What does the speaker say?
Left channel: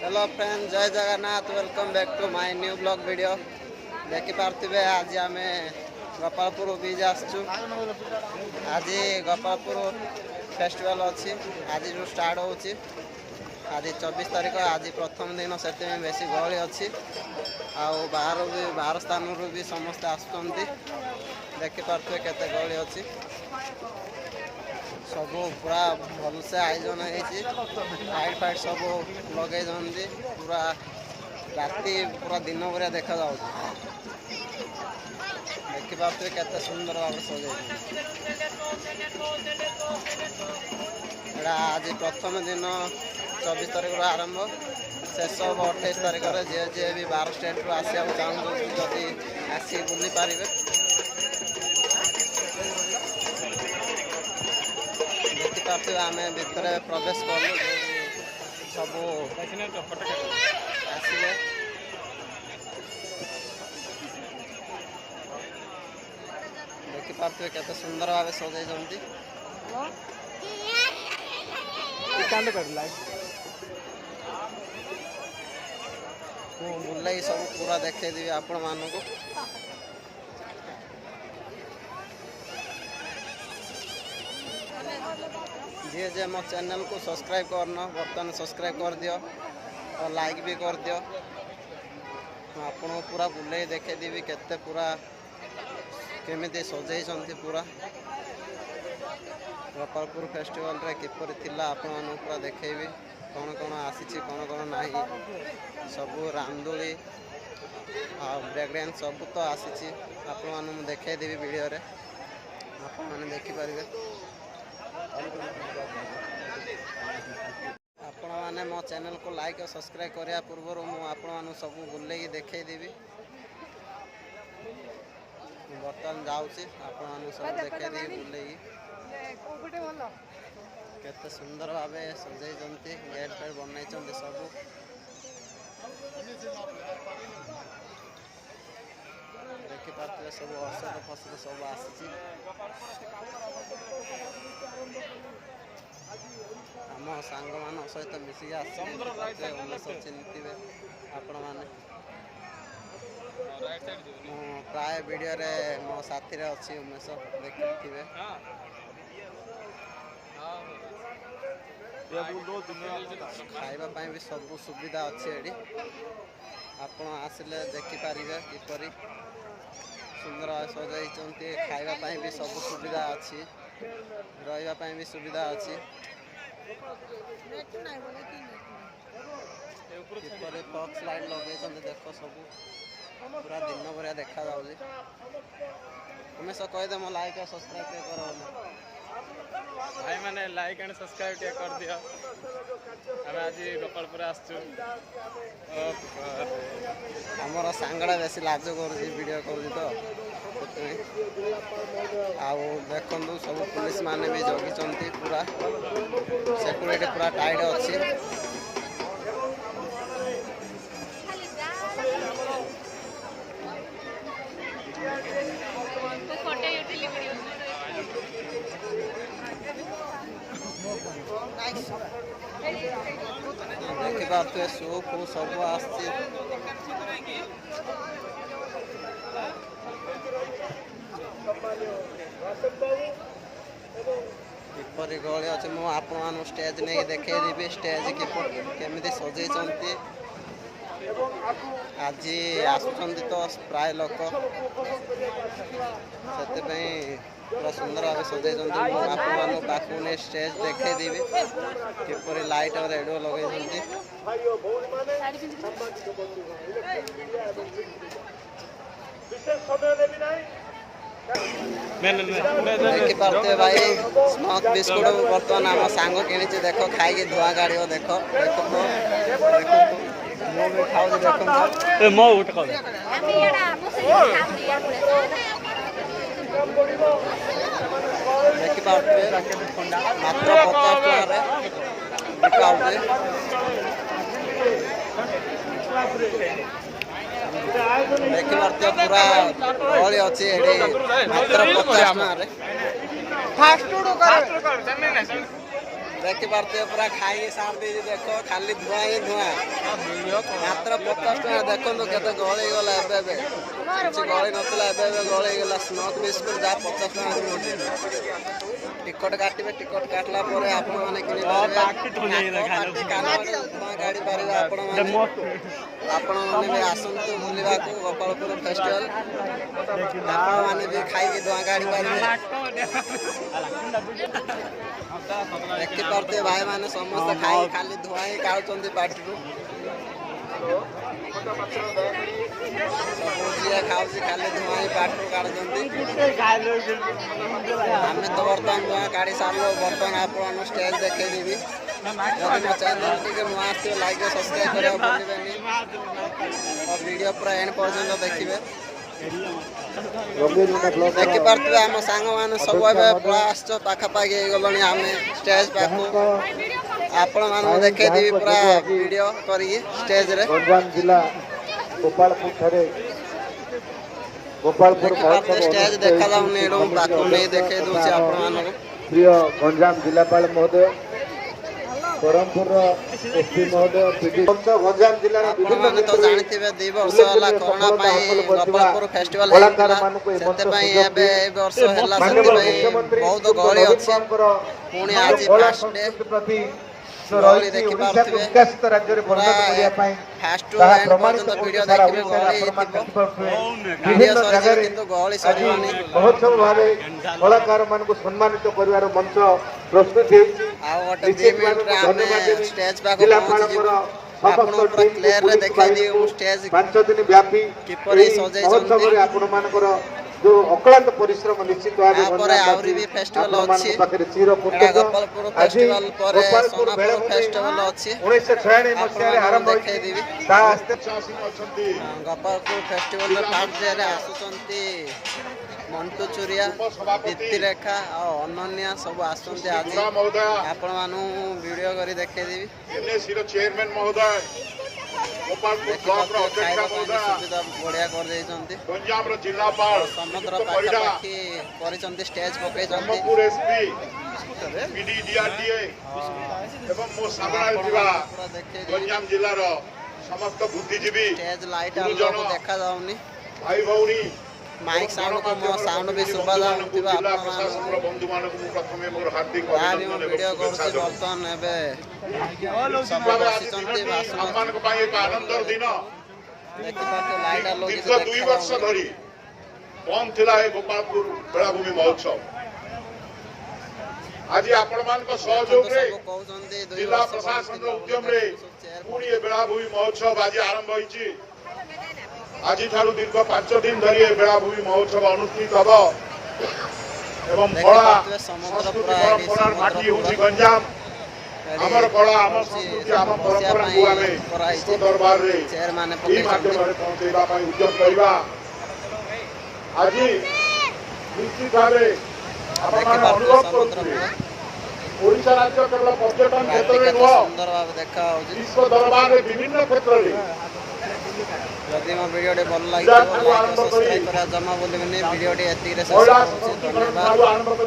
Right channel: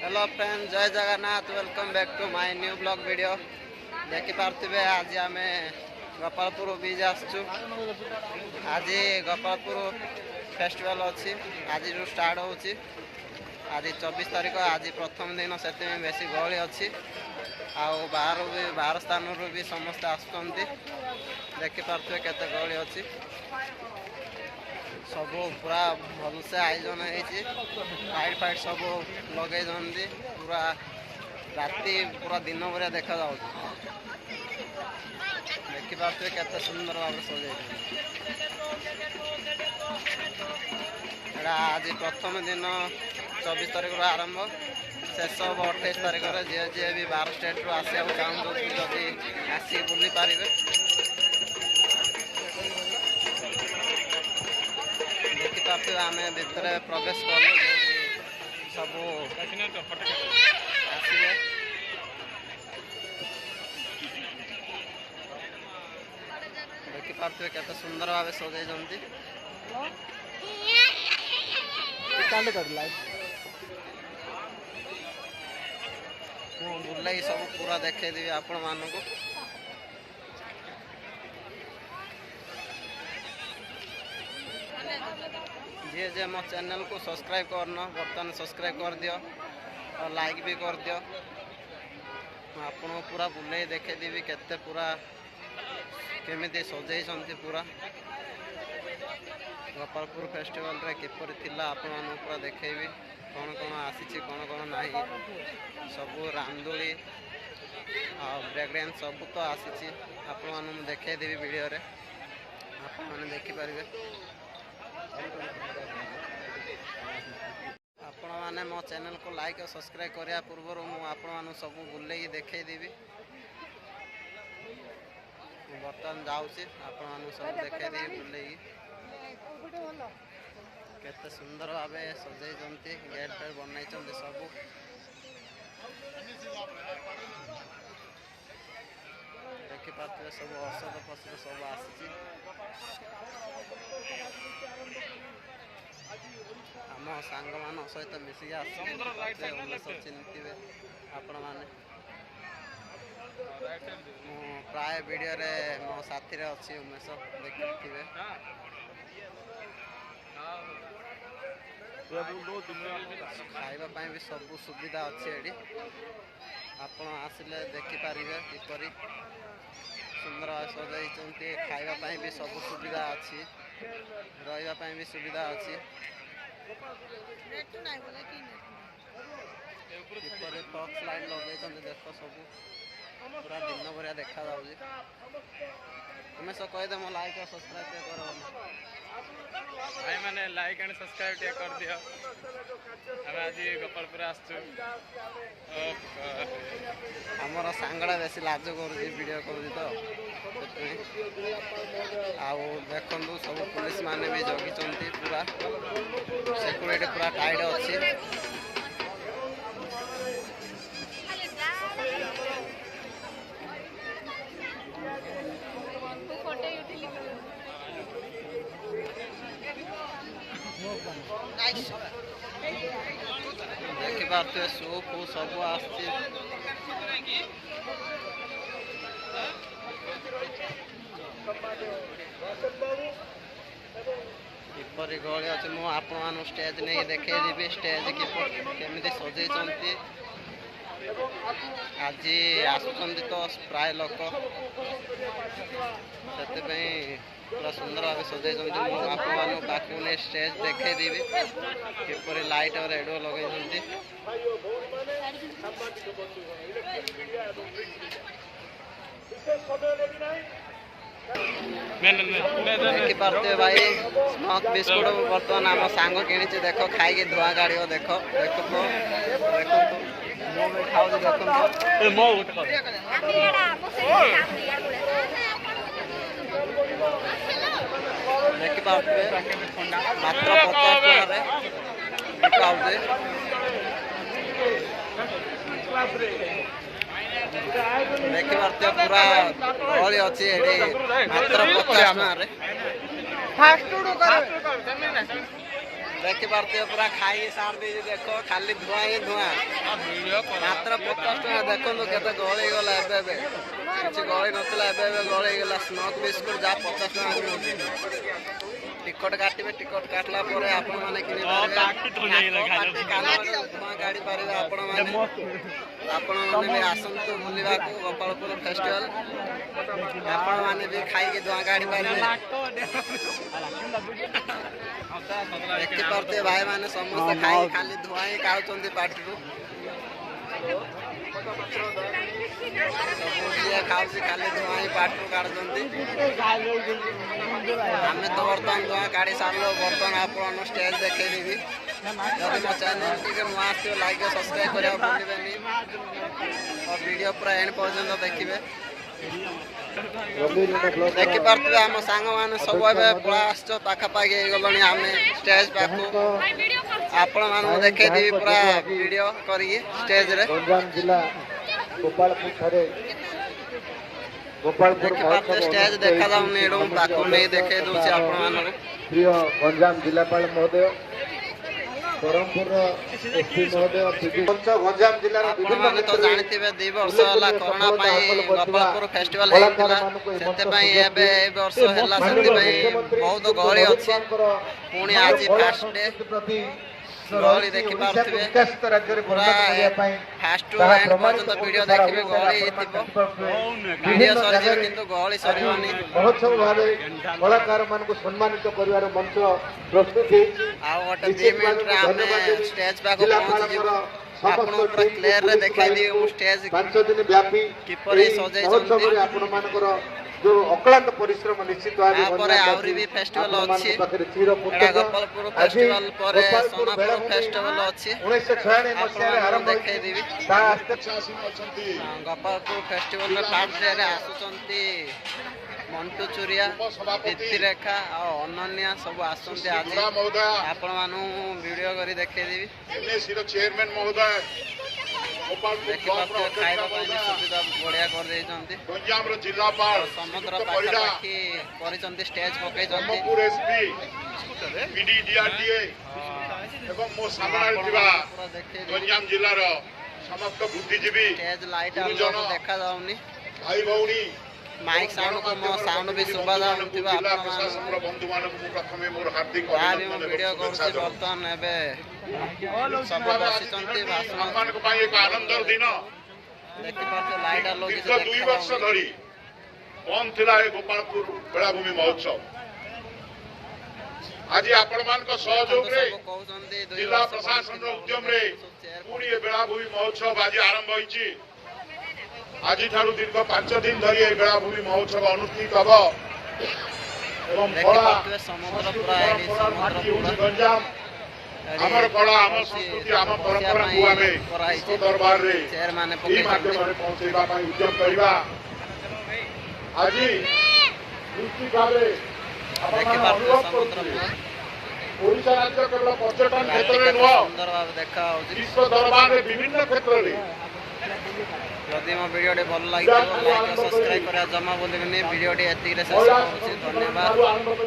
Hello friend, Jai Jagannath. Welcome back to my new blog video. देखिपे आज आम गोपालपुर बीच आसचु। आज गोपालपुर फेस्टिवल अच्छी आज जो स्टार्ट होची। आज 24 तारीख, आज प्रथम दिन से बेसी गहली अच्छी। बाहर स्थान भी समस्ते आसुँच। देखिपे केते गहली अच्छी। सब पूरा भलसे आयोजन होइट फाइट सब लगे पूरा राति पूरा दिन भरिया देखा जाऊ। देखिपे केते सुंदर भाव सजाई। आज प्रथम दिन 24 तारीख आरंभ, शेष हम 28 तारीख जी भी 12 स्टेट रू आसा चाहूँ जदि आसी बुली पारे। देखिपे आम भितर प्रवेश कलु सब आसवे। देखिपे केते सुंदर भाव सजाई। बुलाई सब पूरा देखेदेवी आपण मानक। जी जे मो चैनल को सब्सक्राइब करना बर्तमान सब्सक्राइब कर दियो और लाइक भी कर दियो। आपन पूरा बुलाई देखेदेवी केते पूरा केमिति सजाई पूरा गोपालपुर फेस्टिवल रे किपरि थिला आपण मानू पूरा देखेबी। कौन कौन आसी कौन कौन नहीं सब रामदोली ब्रेक डांस सब तो आसी आपण मानू देखेदेवी वीडियो रे आपण माने देखि पारिबे। आपण माने मो चैनल को लाइक और सब्सक्राइब करिया पूर्व मु आपण मानू सब बुलेई देखेदेवी। बर्तमान जाऊँगी आपण मानू सब देखेदेवी बुलेई। केते सुंदर भाव सजाई गेट फेर बनई सब। देखिपे सब औषध फसद सब आसी। आम सांग मान सहित मिसिक उमेश चिन्हिथिबे आपण माने। मु प्राय वीडियो रे मो साथी रे अच्छी उमेश देखिथिबे। खाइबा भी सब सुविधा अच्छी एडी आपण आसिले देखिपारे किपरि सुंदर सजाई। खाइबा भी सब सुविधा अच्छी, रही भी सुविधा अच्छी। किपरि फॉक्स लाइट लगे देख सब पूरा दिन भरिया देखा जाऊँगी। तुम्हें सब कहीदे मो लाइक और सब्सक्राइब कर भाई मैंने लाइक एंड सब्सक्राइब कर दियो। आम आज गोपालपुर आसचु। आमर सांगड़ा बेसी लाज कर वीडियो कर तो देखु सब पुलिस माने भी जगी पूरा सिक्यूरिटी पूरा टाइट अच्छी। देखिपे सूप सब आसी। किपरि गहली अच्छे मु आपण स्टेज नहीं देखेदेवी। स्टेज केमिति सजाई आज आसुचंती तो प्राय लोक से पूरा सुंदर भाव सजाई। आपण पाखु नहीं स्टेज देखेदेवी किपरि लाइट और रेडियो लगे। देखिपे भाई स्मोक बिस्कुट बर्तमान आम सांग कि देख खाई धुआं गाड़ी देख देख मो में खाऊ देख देखिपे मात्र 50 टका बिका होते। देखिपे पूरा गहली अच्छी मात्र 50 टका। देखी पार्थे पूरा खाई सार दे देखो खाली धुआं ही धुआं मात्र 50 टका देखो केते गली गला एबे किछि गली नतला एबे गली गला स्मोक बिस्कुट जा 50 टका मिलुछि टिकट काटिबे टिकट काटला परे आपण माने किनि पारिबे पार्टी कानो धुआं गाड़ी पारिबे आपण माने भी आसंतु बुलिबा को गोपालपुर फेस्टिवल आपण माने भी खाई के धुआं गाड़ी पारिबे देखी पार्थे भाई माने समस्त खाई खाली धुआं ही काढुचंदी पार्टी सब जी खाऊसी खाली धुआं ही पार्टी काढुचंदी आमे तो बर्तमान धुआं काढ़ी सारलो बर्तमान आपण स्टेज देखे देबी जदि मो चैनल टिके नुआ आछियो लाइक सब्सक्राइब करिया भूलिबेनी और वीडियो पूरा एंड पर्यंत देखिबे देखी पार्थे आम सांग मैंने सब पलास पाखापाखि गलनी आम स्टेज पाख आपण मान देखे देवी पूरा वीडियो करी स्टेज रे गंजाम जिला गोपालपुर स्टेज देखा जाऊनी पाख नहीं देखे दूसरी आपण मान प्रिय गंजाम जिलापाल महोदय ब्रह्मपुर एसपी महोदय गंजाम जिला आपने तो जानते 2 वर्ष है कोरोना गोपालपुर फेस्टिवल वर्ष है बहुत गहली अच्छी पुणी आज फास्ट डे गहली देखी पार्थिबे पूरा फास्ट टू एंड पर्यंत वीडियो देखिबे गहली वीडियो सरी किंतु गहली सरीबनी महोत्सव भावे कलाकार मान को सम्मानित करिवार मंत्र प्रस्तुत है आ गोटे 2 मिनिट रे आमे स्टेज पाख पहुंच जिवो आपण पूरा क्लियर रे देखाई दियो स्टेज 5 दिन व्यापी किपरि सजाई महोत्सव रे आपण मानकर जो अक्लांत परिश्रम निश्चित भावे पर आउरी भी फेस्टिवल अछि पाखरे चिर गोपालपुर फेस्टिवल पर सोनापुर फेस्टिवल अछि 1996 मसिया आरंभ देखाई देबी ता आस्ते शासन अछंती गोपालपुर फेस्टिवल रे फास्ट डे रे आसुचंती मंटू चुरिया दीप्ति रेखा और अनन्या सब आसंती आज आपण मानु वीडियो करी देखाई देबी एनएसी रो चेयरमैन महोदय गोपालपुर ब्लॉक रो अध्यक्ष महोदय सुविधा बढ़िया कर देइचंती गंजाम रो जिलापाल समुद्र पाखापाखि करिचंती स्टेज पकेइचंती ब्रह्मपुर एसपी पीडी डीआरडीए एवं मो सामने दिबा गंजाम जिल्ला रो समस्त बुद्धिजीवी स्टेज लाइट आलो को देखा जाउनी भाई भौणी माइक साउंड को मो साउंड भी सुबा जाउतिबा आपण बंधु मानक मु प्रथमे मोर हार्दिक अभिनंदन वीडियो करछि बर्तन एबे सब बसिचंती भाषण मानक पई एक आनंदर दिन देखि पाते लाइट आलो कि 2 वर्ष धरि कौन थिला ए गोपालपुर बेलाभूमि महोत्सव आज आपण मान को सहयोग रे कहउचंती 2 जिला वर्ष प्रशासन रो उद्यम रे पुणी ए बेलाभूमि महोत्सव आज आरंभ होईची आज ठारू दीर्घ 5 दिन धरि ए बेलाभूमि महोत्सव अनुष्ठित हबो एवं कला समुद्र पूरा एडी समुद्र पूरा गंजाम हमर कला हमर संस्कृति हमर परंपरा को आगे कराई दरबार रे चेयर माने पकेइछंती पहुंचेबा पई उद्यम करबा आज निश्चित भावे देखि पाते समुद्र पूरा ओडिशा राज्य केवल पर्यटन क्षेत्र में सुंदर भाव देखा होची विश्व दरबार रे विभिन्न क्षेत्र रे जदि मो वीडियो भल लागे लाइक सब्सक्राइब करा जमा बोलबेनी वीडियो एतिक रे शेष करूची धन्यवाद।